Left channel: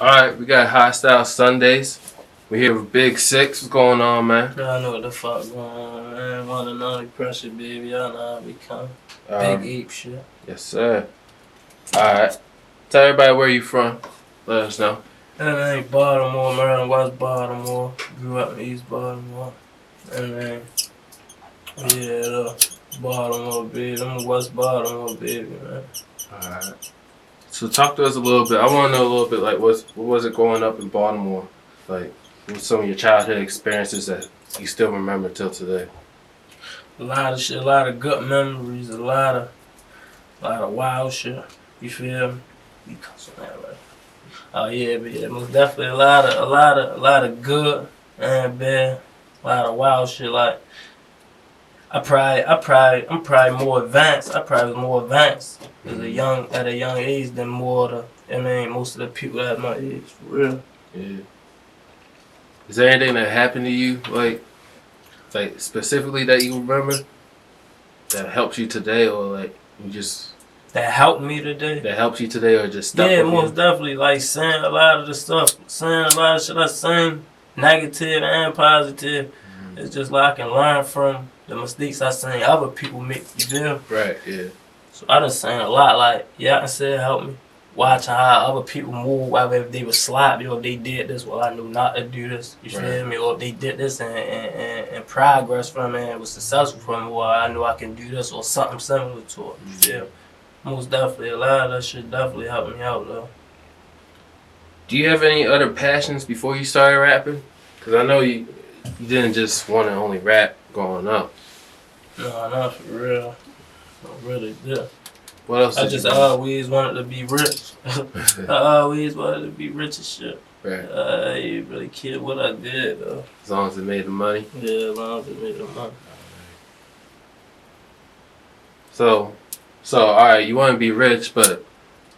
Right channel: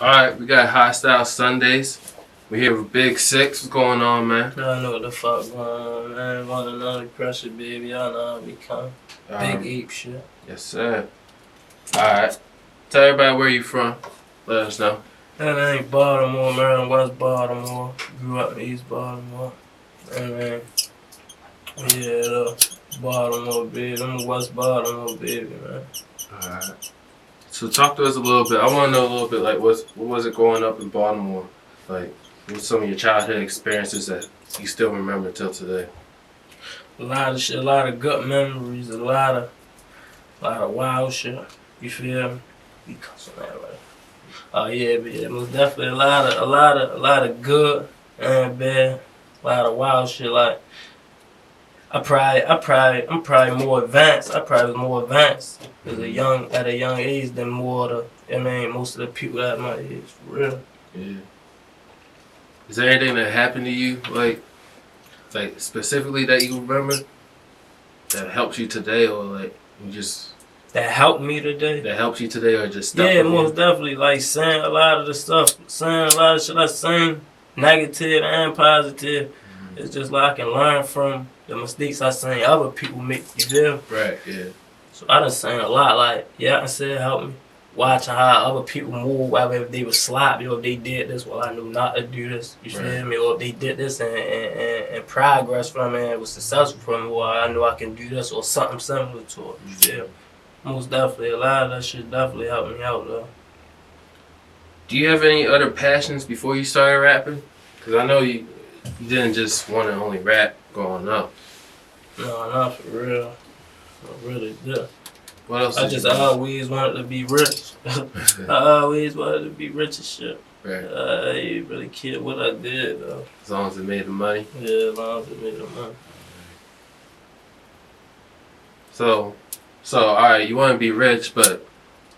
Alright, we got Hostile Sundays. We're here with BIG6IXX. What's going on, man? I know what the fuck going on, man. One and only pressure, baby. Y'all know how we come. Big ape shit. Yes, sir. Alright. Tell everybody where you from. Let us know. And ain't Baltimore, man. West Baltimore. Grew up in East Baltimore. And then, yeah, Baltimore, baby. I'm a West Baltimore, baby, man. Alright. So talk to us a little bit. I want to know a little bit, like, what was it growing up in Baltimore? Like, what's some of your childhood experiences that you still remember till today? A lot of shit, a lot of good memories, a lot of wild shit. You feel me? You cuss on that, right? Oh yeah, but yeah, most definitely a lot of good and bad, a lot of wild shit. Like I'm probably more advanced. I probably was more advanced at a young age than most of the people that my age, for real. Yeah. Is there anything that happened to you, like specifically that you remember that helps you today, or like you just that helped me today? That helps you today, or just stuff? Yeah, most definitely. Like saying a lot of the stuff, saying a lot of shit I sing, negative and positive. It's just like I can learn from the mistakes I seen other people make. You feel? Right. Yeah. So I done seen a lot. Like I said, help me. Watching how other people move, whether if they was sloppy or if they did this, well, I knew not to do this. You feel me? Or if they did this and progress from it and was successful from it, well, I knew I can do this or something similar to it. You feel me? Most definitely. A lot of that shit definitely helped me out, though. Do you have any other passions before you started rapping? Because I know you didn't just want to only rap growing up. No, not for real. I really did. What else? I just always wanted to be rich. I always wanted to be rich as shit. Right. I didn't really care what I did, though. As long as it made the money? Yeah, as long as it made the money. So, all right, you want to be rich, but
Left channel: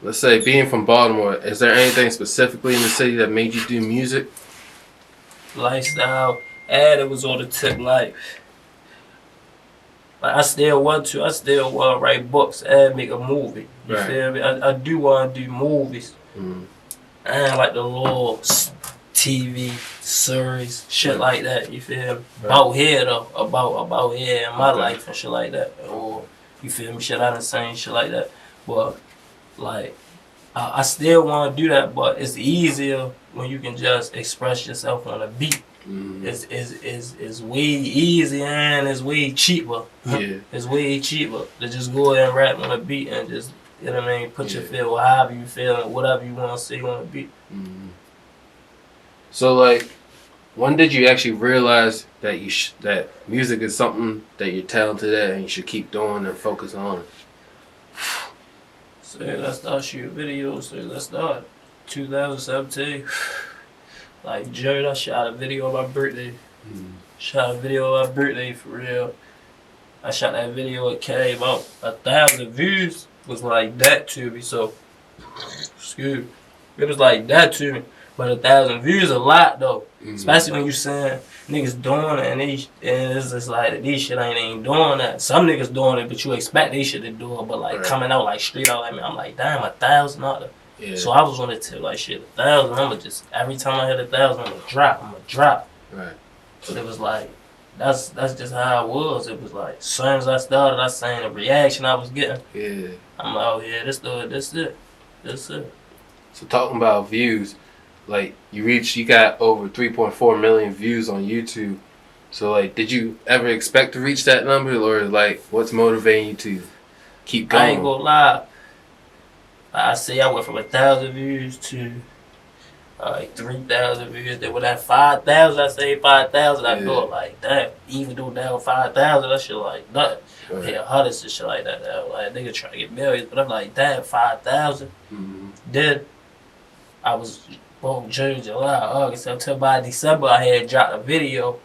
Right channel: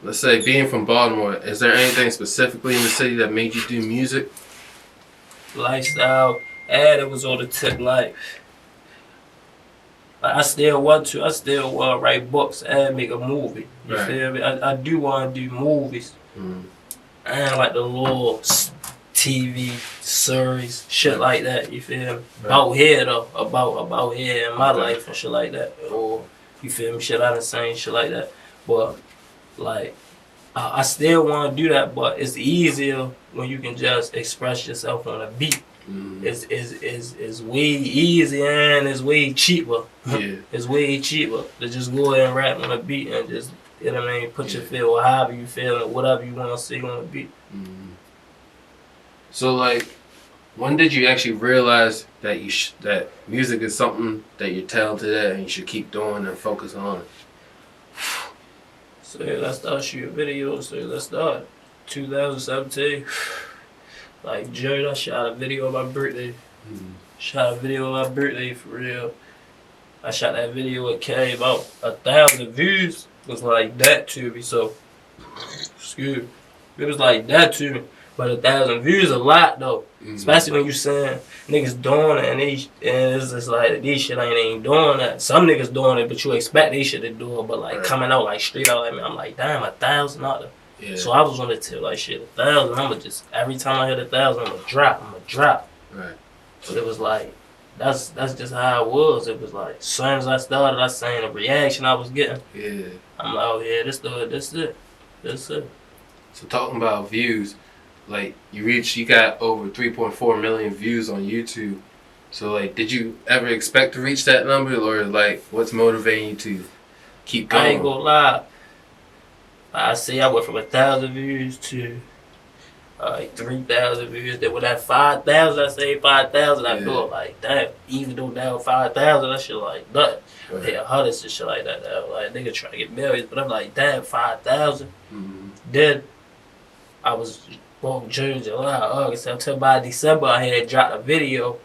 let's say being from Baltimore, is there anything specifically in the city that made you do music? Lifestyle, and it was on the tip life. Like I still want to write books and make a movie. You feel me? I do want to do movies. And like the little TV series, shit like that. You feel me? About here though, about here in my life and shit like that. Or you feel me? Shit I done seen, shit like that. But like I still want to do that, but it's easier when you can just express yourself on a beat. It's way easier and it's way cheaper. Yeah. It's way cheaper to just go ahead and rap on a beat and just, you know what I mean, put your feel or however you feel or whatever you want to say on a beat. So like, when did you actually realize that that music is something that you're talented at and you should keep doing and focus on? So let's start shooting videos. So let's start 2017. Like Jared, I shot a video of my birthday. Shot a video of my birthday for real. I shot that video, it came about 1,000 views. It was like that to me, so excuse me. It was like that to me. But 1,000 views a lot though. Especially when you saying niggas doing it and it's just like these shit ain't doing that. Some niggas doing it, but you expect they shit to do it, but like coming out like straight out like me, I'm like, damn, 1,000. Yeah. So I was on the tip like shit, 1,000. I'ma just every time I hit 1,000, I'ma drop. Right. But it was like that's just how it was. It was like as soon as I started, I seen the reaction I was getting. Yeah. I'm like, oh yeah, this it. So talking about views, like you got over 3.4 million views on YouTube. So like, did you ever expect to reach that number, or like, what's motivating you to keep going? I ain't gonna lie. I see I went from 1,000 views to like 3,000 views. Then with that 5,000, I say 5,000. I thought like that. Even though down 5,000, that shit like nothing. Yeah, hundreds and shit like that. Like nigga trying to get millions, but I'm like, damn, 5,000. Then I was June, July, August, September. By December, I had dropped a video,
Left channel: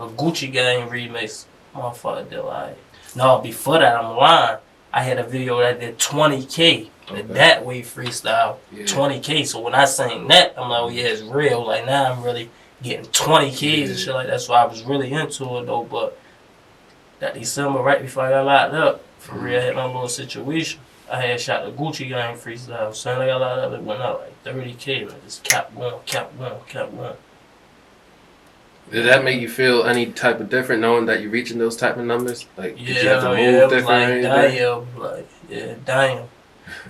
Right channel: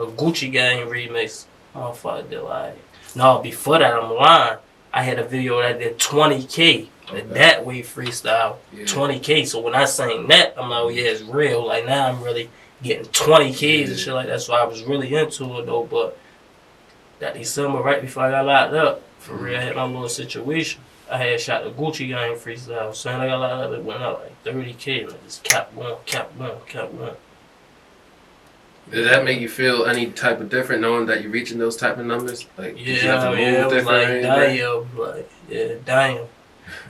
a Gucci Gang remix. Motherfucker did like no. Before that, I'm lying. I had a video that did 20K. That way freestyle, 20K. So when I sang that, I'm like, oh yeah, it's real. Like now I'm really getting 20Ks and shit like that. So I was really into it though. But that December, right before I got locked up, for real, I had my little situation. I had shot the Gucci Gang freestyle. So I got a lot of it went out like 30K, and I just kept going. Did that make you feel any type of different knowing that you're reaching those type of numbers? Like, did you have to move it was different like damn.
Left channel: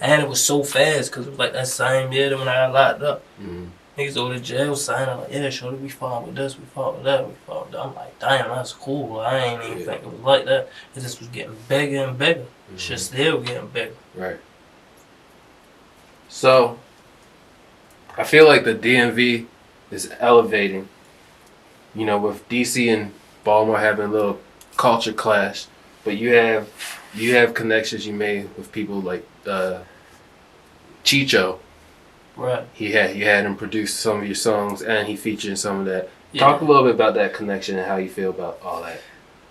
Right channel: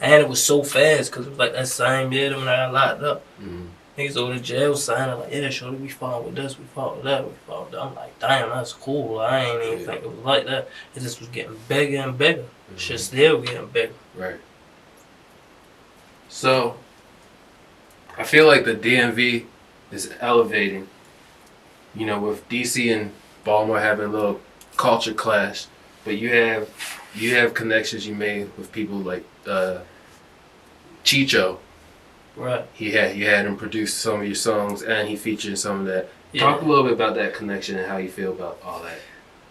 And it was so fast because it was like that same year when I got locked up. Mm-hmm. Niggas go to jail signing like, yeah, shorty, we fought with this, we fought with that, we fought with that. I'm like, damn, that's cool. I ain't even think it was like that. It just was getting bigger and bigger. Mm-hmm. Shit still getting bigger. Right. So, I feel like the DMV is elevating. You know, with DC and Baltimore having a little culture clash, but you have connections you made with people like Cheecho. Right. You had him produce some of your songs, and he featured in some of that. Yeah. Talk a little bit about that connection and how you feel about all that.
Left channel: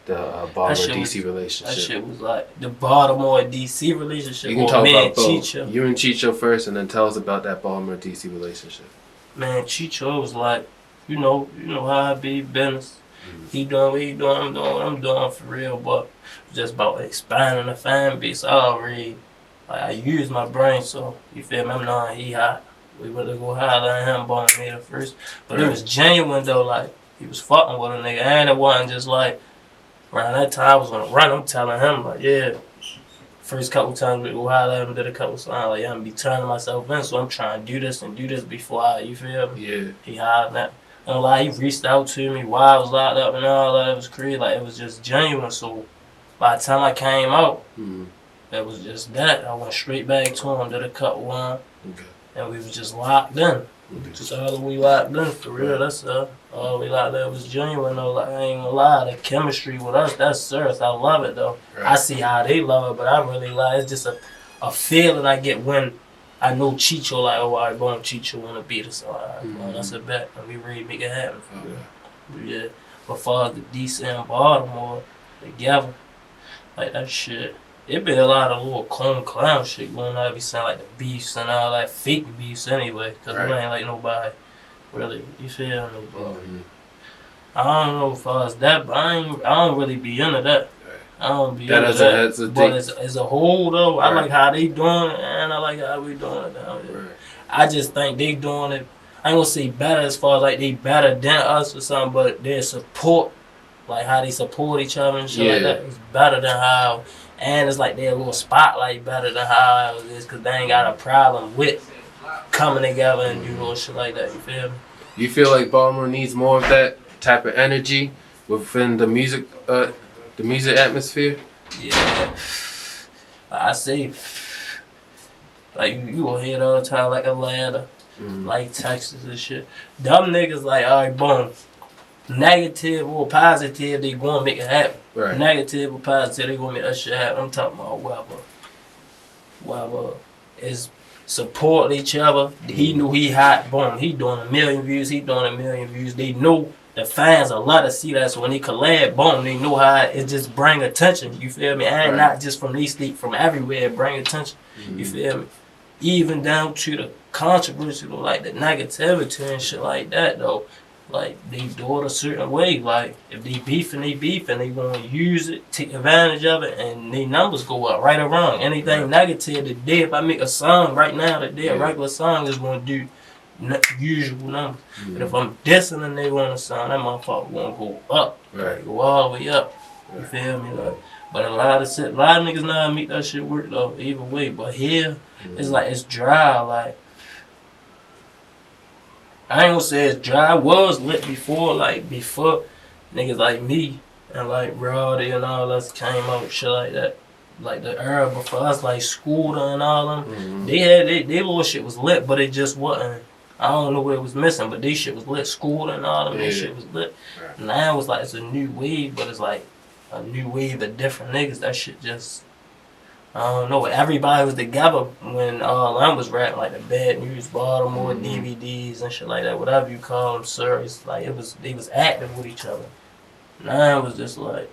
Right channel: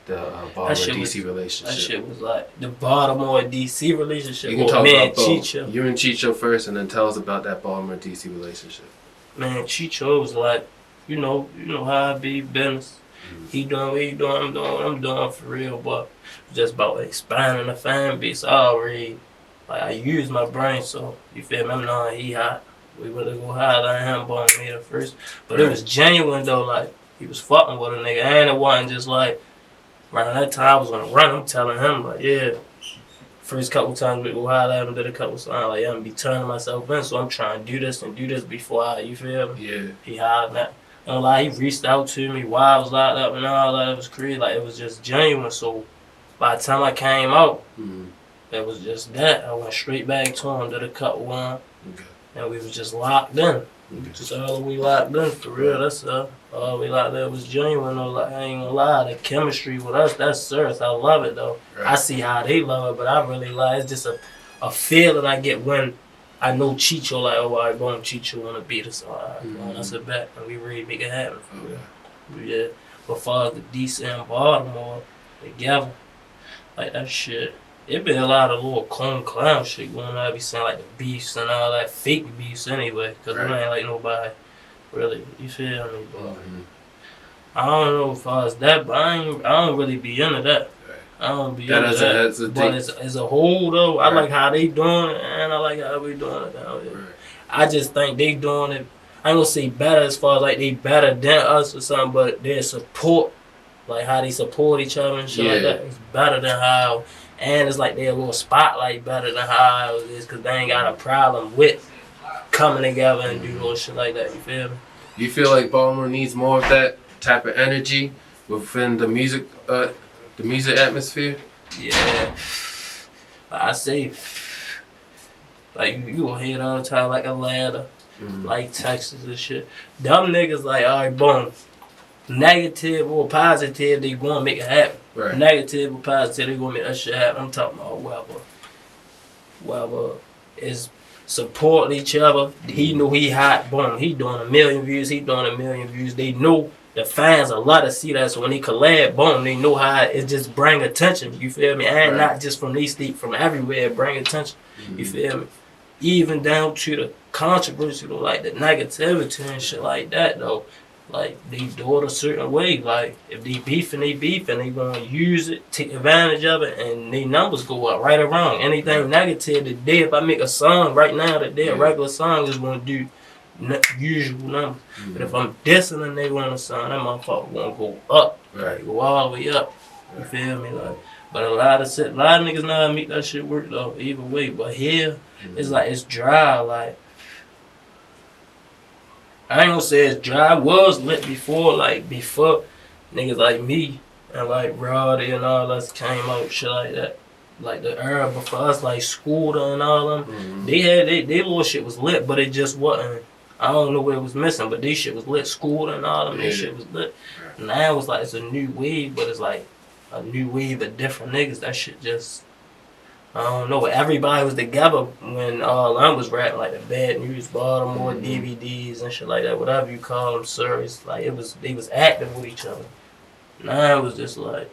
The Baltimore DC relationship. That shit was like the Baltimore DC relationship. You can talk about Cheecho. You and Cheecho first, and then tell us about that Baltimore DC relationship. Man, Cheecho was like, you know how I be business. Mm-hmm. He doing what he doing, I'm doing what I'm doing for real, but it's just about expanding the fan base. I use my brain, so you feel me? I'm not he hot. We went to go holler at him, born me the first. But It was genuine though, like he was fucking with a nigga, and it wasn't just like around that time I was on a run. I'm telling him like, yeah. First couple times we go holler at him, did a couple songs, like, yeah, I'm be turning myself in, so I'm trying to do this before you feel me? Yeah. He hollered at me. And like he reached out to me while I was locked up and all that. It was crazy, like it was just genuine. So by the time I came out, it was just that. I went straight back to him, did a couple one, and we was just locked in. Just all we locked in for real. That's all we locked in was genuine though. Like I ain't gonna lie, the chemistry with us, that's serious. I love it though. Right. I see how they love it, but I really like it's just a feeling I get when I know Cheecho like, oh, all right, boom, Cheecho wanna beat us. So all right, well, that's a bet, and we ready to make it happen for real. But yeah, but far as the DC and Baltimore together, like that shit. It been a lot of little clown shit going on. I be saying like the beefs and all that fake beefs anyway, because it ain't like nobody really, you feel me? But I don't know as far as that, but I don't really be into that. I don't be into that. But as a whole though, I like how they doing it, and I like how we doing it down here. I just think they doing it, I ain't gonna say better as far as like they better than us or something, but their support, like how they support each other and shit like that, is better than how. And it's like they're a little spotlight better than how it is because they ain't got a problem with coming together and do little shit like that. You feel me? You feel like Baltimore needs more of that type of energy within the music atmosphere? Yeah. I say, like you will hear it all the time, like Atlanta, like Texas and shit. Them niggas like, all right, boom. Negative or positive, they gonna make it happen. Right. Negative or positive, they gonna make that shit happen. I'm talking about whoever is supporting each other. He knew he hot, boom. He doing 1 million views. He doing 1 million views. They know the fans a lot to see that. So when they collab, boom, they know how it just bring attention. You feel me? And not just from these states, from everywhere, bring attention. You feel me? Even down to the controversy, though, like the negativity and shit like that, though. Like, they do it a certain way. Like, if they beefing, they gonna use it, take advantage of it, and their numbers go up right or wrong. Anything negative today, if I make a song right now today, a regular song is gonna do usual numbers. But if I'm dissing and they want a song, that motherfucker gonna go up. Right. Go all the way up. You feel me? Like, but a lot of niggas know how to make that shit work though, either way. But here, it's like, it's dry, like, I ain't gonna say it's dry. It was lit before niggas like me and like Brody and all us came out, shit like that. Like the era before us, like Scooter and all them, they little shit was lit, but it just wasn't. I don't know what it was missing, but they shit was lit. Scooter and all them, they shit was lit. Now it's like it's a new wave, but it's like a new wave of different niggas. That shit just, I don't know. Everybody was together when all I was rapping, like the Bad News Baltimore DVDs and shit like that, whatever you call them, series. Like they was active with each other. Now it was just like,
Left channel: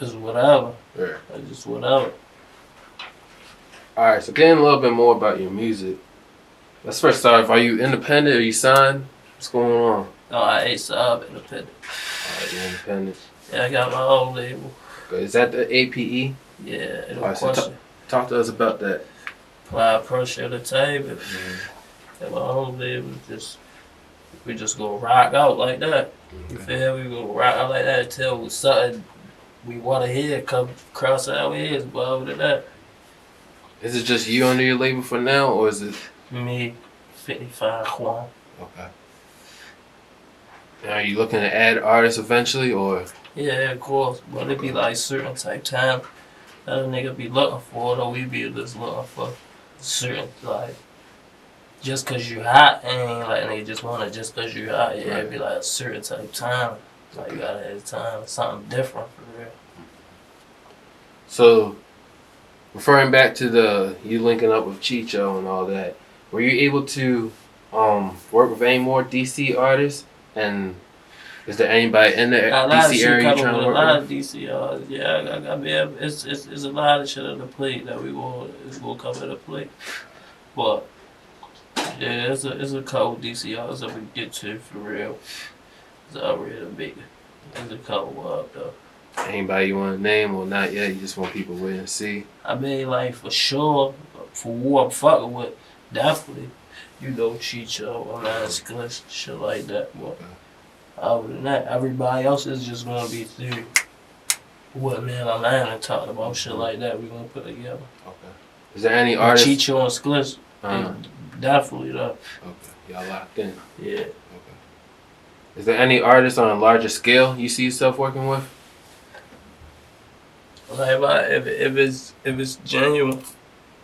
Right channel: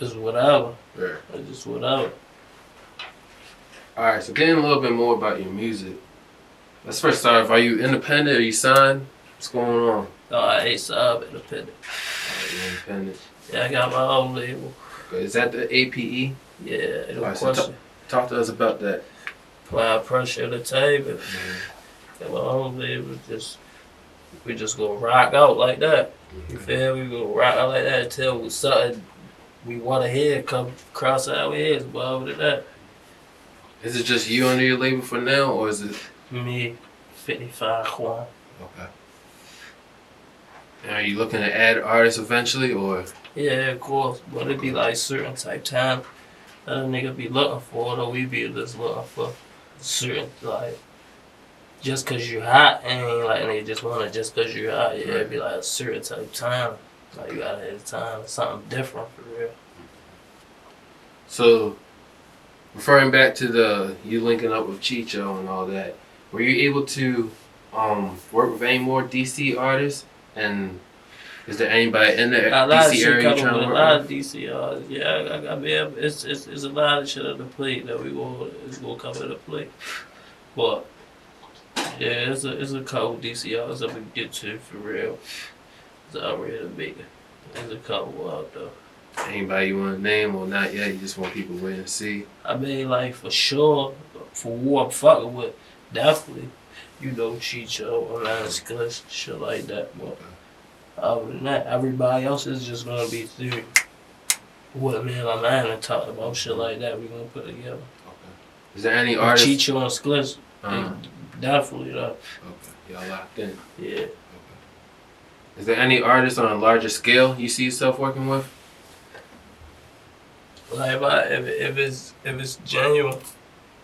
it's whatever. It's just whatever. All right, so getting a little bit more about your music. Let's first start. Are you independent? Are you signed? What's going on? Oh, I ain't sub independent. All right, you're independent. Yeah, I got my own label. Is that the APE? Yeah, no question. Talk to us about that. Apply pressure to the table. And my homie, we just go rock out like that. You feel me? We go rock out like that until something we want to hear come across our heads. But other than that, is it just you on your label for now, or is it me, 55 Quan? okay? Now, are you looking to add artists eventually, or? Yeah, of course. But it be like certain type time that a nigga be looking for, though we be just looking for certain, like, just cause you hot, ain't like nigga just wanna just cause you hot. Yeah, it be like a certain type time. Like you gotta have time, something different for real. So, referring back to you linking up with Cheecho and all that, were you able to work with any more DC artists? And is there anybody in the Got a lot of DC shit area you coming trying with to a work lot with? of DC. Yeah, I mean, it's a lot of shit on the plate that it's gonna come in the plate. But yeah, it's a couple DCRs that we get to for real. It's already big. There's a couple up though. Anybody you want to name or not yet? You just want people wait and see. I mean, like for sure, for who I'm fucking with, definitely. You know, Cheecho, BIG6IXX, shit like that. But other than that, everybody else is just gonna be through what me and my man and talked about shit like that. We gonna put together. Okay. Is there any With artists? Cheecho and Skliss, definitely though. Okay. Y'all locked in. Yeah. Okay. Is there any artists on a larger scale you see yourself working with? Like if it's genuine,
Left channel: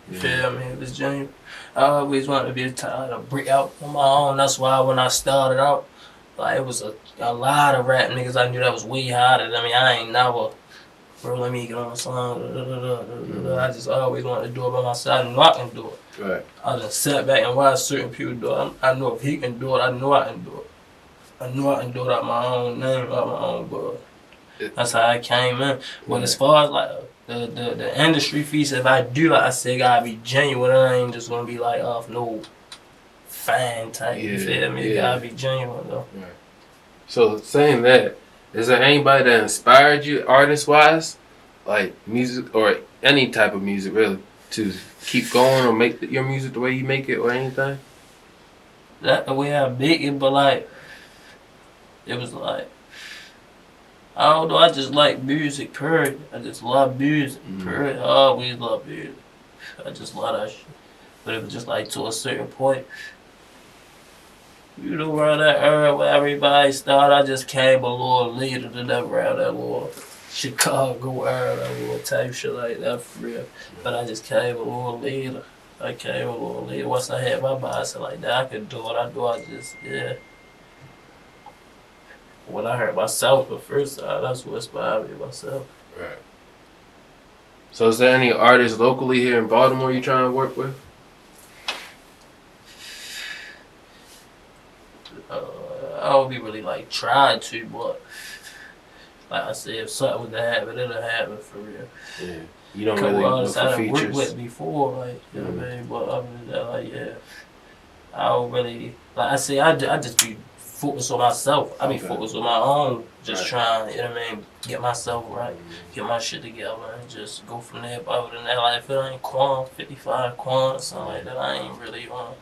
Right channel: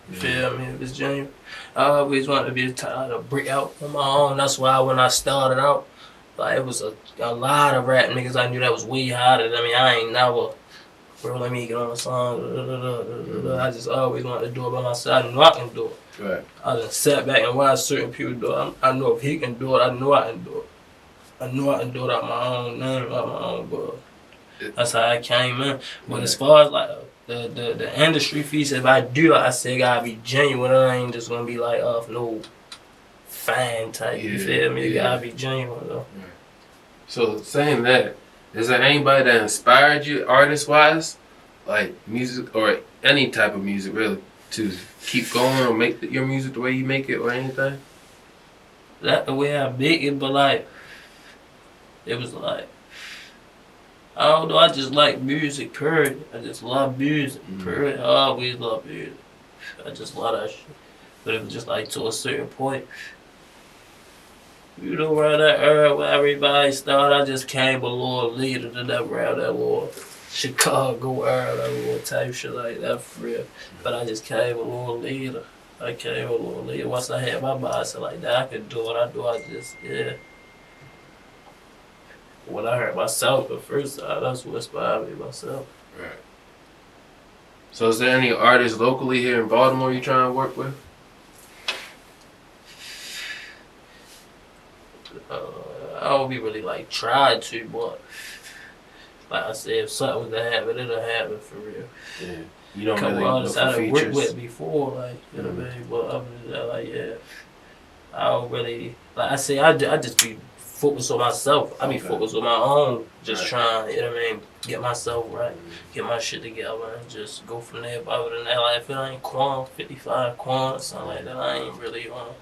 you feel me? If it's genuine, I always wanted to be to break out on my own. That's why when I started out, like it was a lot of rap niggas I knew that was way harder than me. I ain't never, bro, let me get on a song. I just always wanted to do it by myself. I knew I can do it. Right. I just sat back and watched certain people do it. I know if he can do it, I knew I can do it. I knew I can do it out my own name, out my own buzz. That's how I came in. But as far as like the industry piece, if I do, like I said, gotta be genuine. I ain't just gonna be like off no fan type. You feel me? You gotta be genuine though. Right. So saying that, is there anybody that inspired you artist wise, like music or any type of music really, to keep going or make your music the way you make it or anything? That the way I make it, but like it was like I don't know, I just like music, period. I just love music, period. I always love music. I just love that shit. But it was just like to a certain point. You know, around that era where everybody started, I just came a little later than that, around that little Chicago era, that little type shit like that for real. But I just came a little later. I came a little later. Once I had my mindset like that, I could do it. I just, yeah. When I heard myself the first time, that's what inspired me, myself. Right. So is there any artists locally here in Baltimore you trying to work with? I don't be really like tried to, but like I said, if something was to happen, it'll happen for real. Yeah. You don't Couple really artists look I for done worked features. with before, like, you know what I mean? But other than that, like, yeah, I don't really, like I say, I just be focused on myself. I be focused on my own, just trying, you know what I mean, get myself right, get my shit together, and just go from there. But other than that, like, if it ain't Quan, 55 Quan, or something like that, I ain't really on it.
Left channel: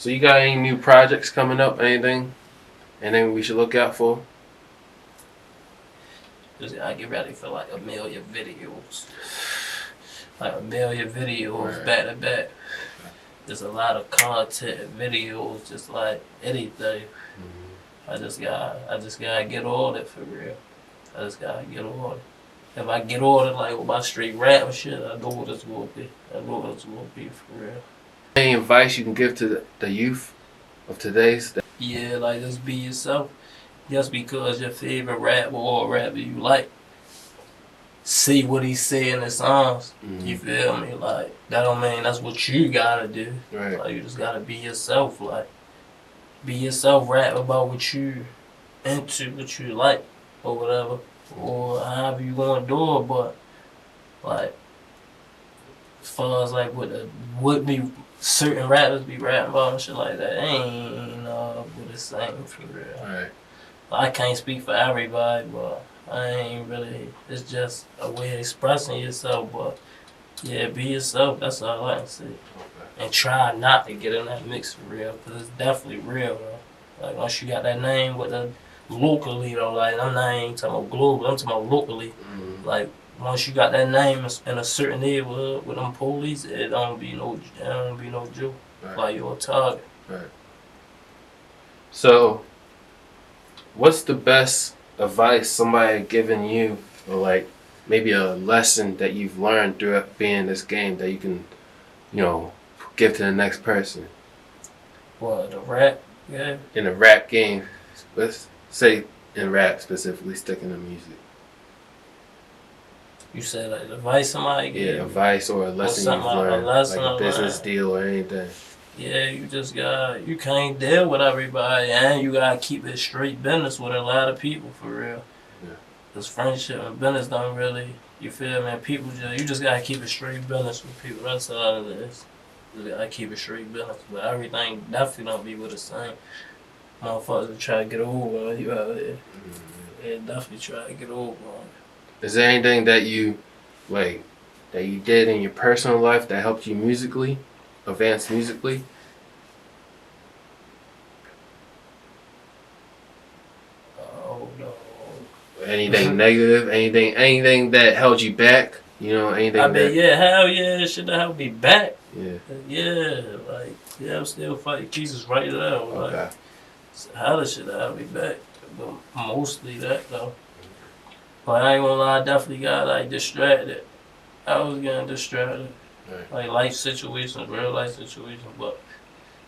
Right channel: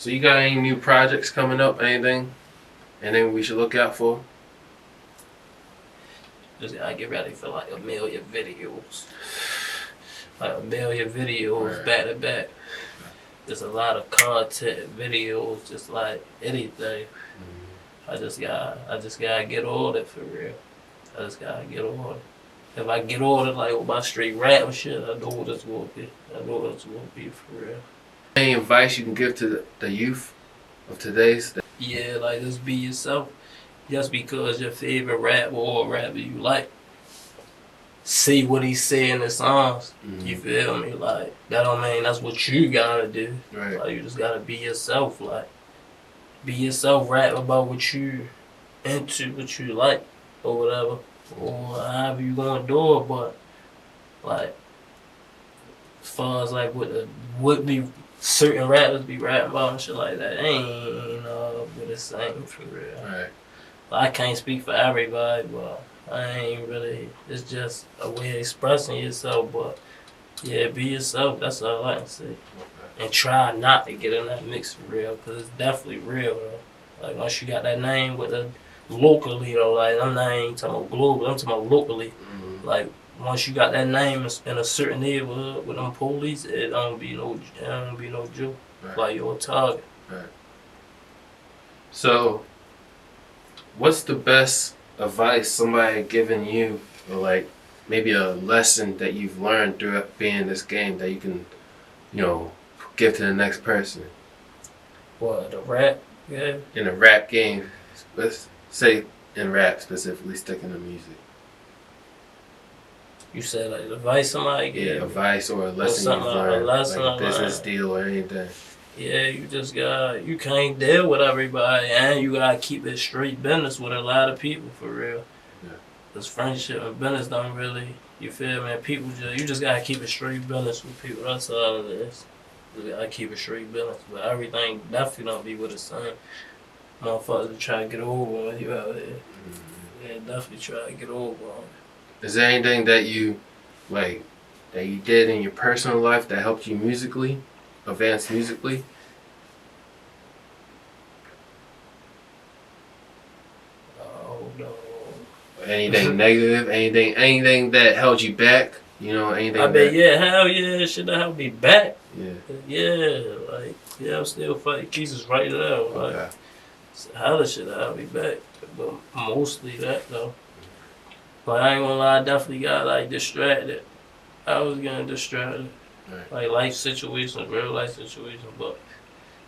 So you got any new projects coming up, anything we should look out for? Just gotta get ready for like a million videos. Like a million videos back to back. There's a lot of content, videos, just like anything. I just gotta get on it for real. I just gotta get on it. If I get on it like with my straight rap and shit, I know what it's gonna be. I know what it's gonna be for real. Any advice you can give to the youth of today's? Yeah, like just be yourself. Just because your favorite rapper or rapper you like, see what he say in the songs. You feel me? Like that don't mean that's what you gotta do. Right. Like you just gotta be yourself. Like be yourself. Rap about what you into, what you like, or whatever, or however you gonna do it. But like as far as like what be certain rappers be rapping about and shit like that, ain't what it's saying for real. Right. I can't speak for everybody, but I ain't really. It's just a way of expressing yourself. But Yeah, be yourself. That's all I can say. And try not to get in that mix for real, because it's definitely real, though. Like, once you got that name with the locally, though, like, I'm not even talking about global, I'm talking about locally. Mm-hmm. Like, once you got that name in a certain neighborhood with them police, it don't be no joke. Right. Like, you're a target. Right. So, what's the best advice somebody given you, or like maybe a lesson that you've learned throughout being in this game that you can, give to the next person? What, the rap? Yeah. In a rap game, let's say in rap specifically, sticking to music. You said like advice somebody gave you? Advice or a lesson you've a learned, lesson like a business learned. deal or anything. Yeah, you can't deal with everybody, and you gotta keep it straight business with a lot of people, for real. Yeah. Cause friendship and business don't really, you feel me? You just gotta keep it straight business with people. That's all it is. You gotta keep it straight business, but everything definitely don't be with the same. Motherfuckers that try to get over on you out here. Mm-hmm. They definitely try to get over on you. Is there anything that you did in your personal life that helped you musically, advance musically? Oh no. Anything negative? Anything that held you back? Anything? I bet, yeah, hell yeah, shit that helped me back. Yeah. Yeah, I'm still fighting cases right now. Like, Okay. hella shit that helped me back, but mostly that though. Like, I ain't gonna lie, I definitely got like distracted. I was getting distracted, Right. like life situations, real life situations. But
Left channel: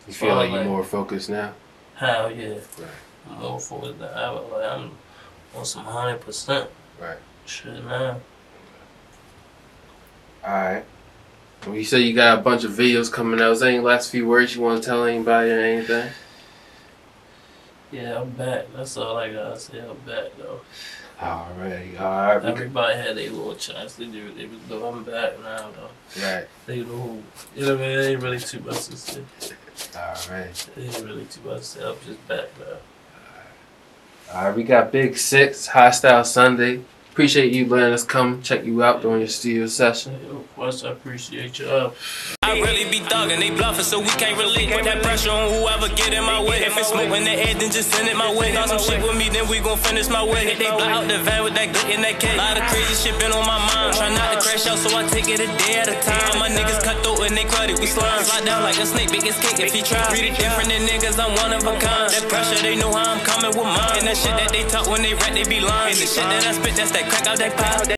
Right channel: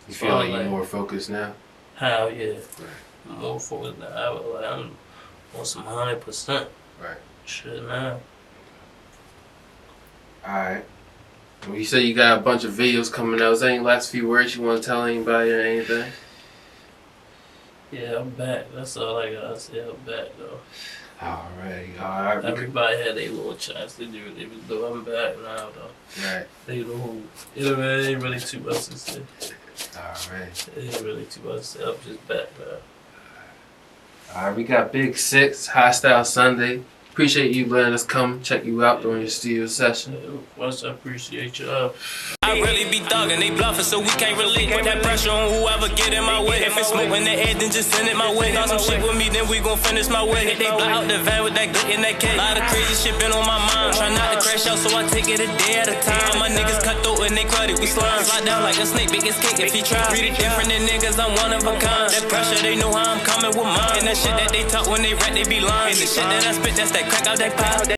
You feel like you're more focused now? hell yeah, Right. I'm more focused than ever. Like, I'm on some 100% Right. shit now. All right. Well, you said you got a bunch of videos coming out. Is there any last few words you want to tell anybody or anything? Yeah, I'm back. That's all I gotta say. I'm back though. All right. Everybody had a little chance to do it. They was doing. I'm back now though. Right. They know it ain't really too much to say. All right. It ain't really too much to say. I'm just back now. All right. We got BIG6IXX, Hostile Sunday. Appreciate you letting us come check you out during your studio session. Of course, I appreciate y'all. I really be thugging, they bluffing, so we can't relate. Put that pressure on whoever get in my way. If it's smoke in the air, then just send it my way. Thought some shit with me, then we gon' finish my way. They block out the van with that glick in that cake. Lot of crazy shit been on my mind. Try not to crash out, so I take it a day at a time. All my niggas cut through and they cruddy. We slime, slide down like a snake, BIG6IXX if he try. Treat it different than niggas, I'm one of a kind. That pressure, they know how I'm coming with mine. And that shit that they talk when they rap, they be lying. And the shit that I spit, that's that crack out that pie.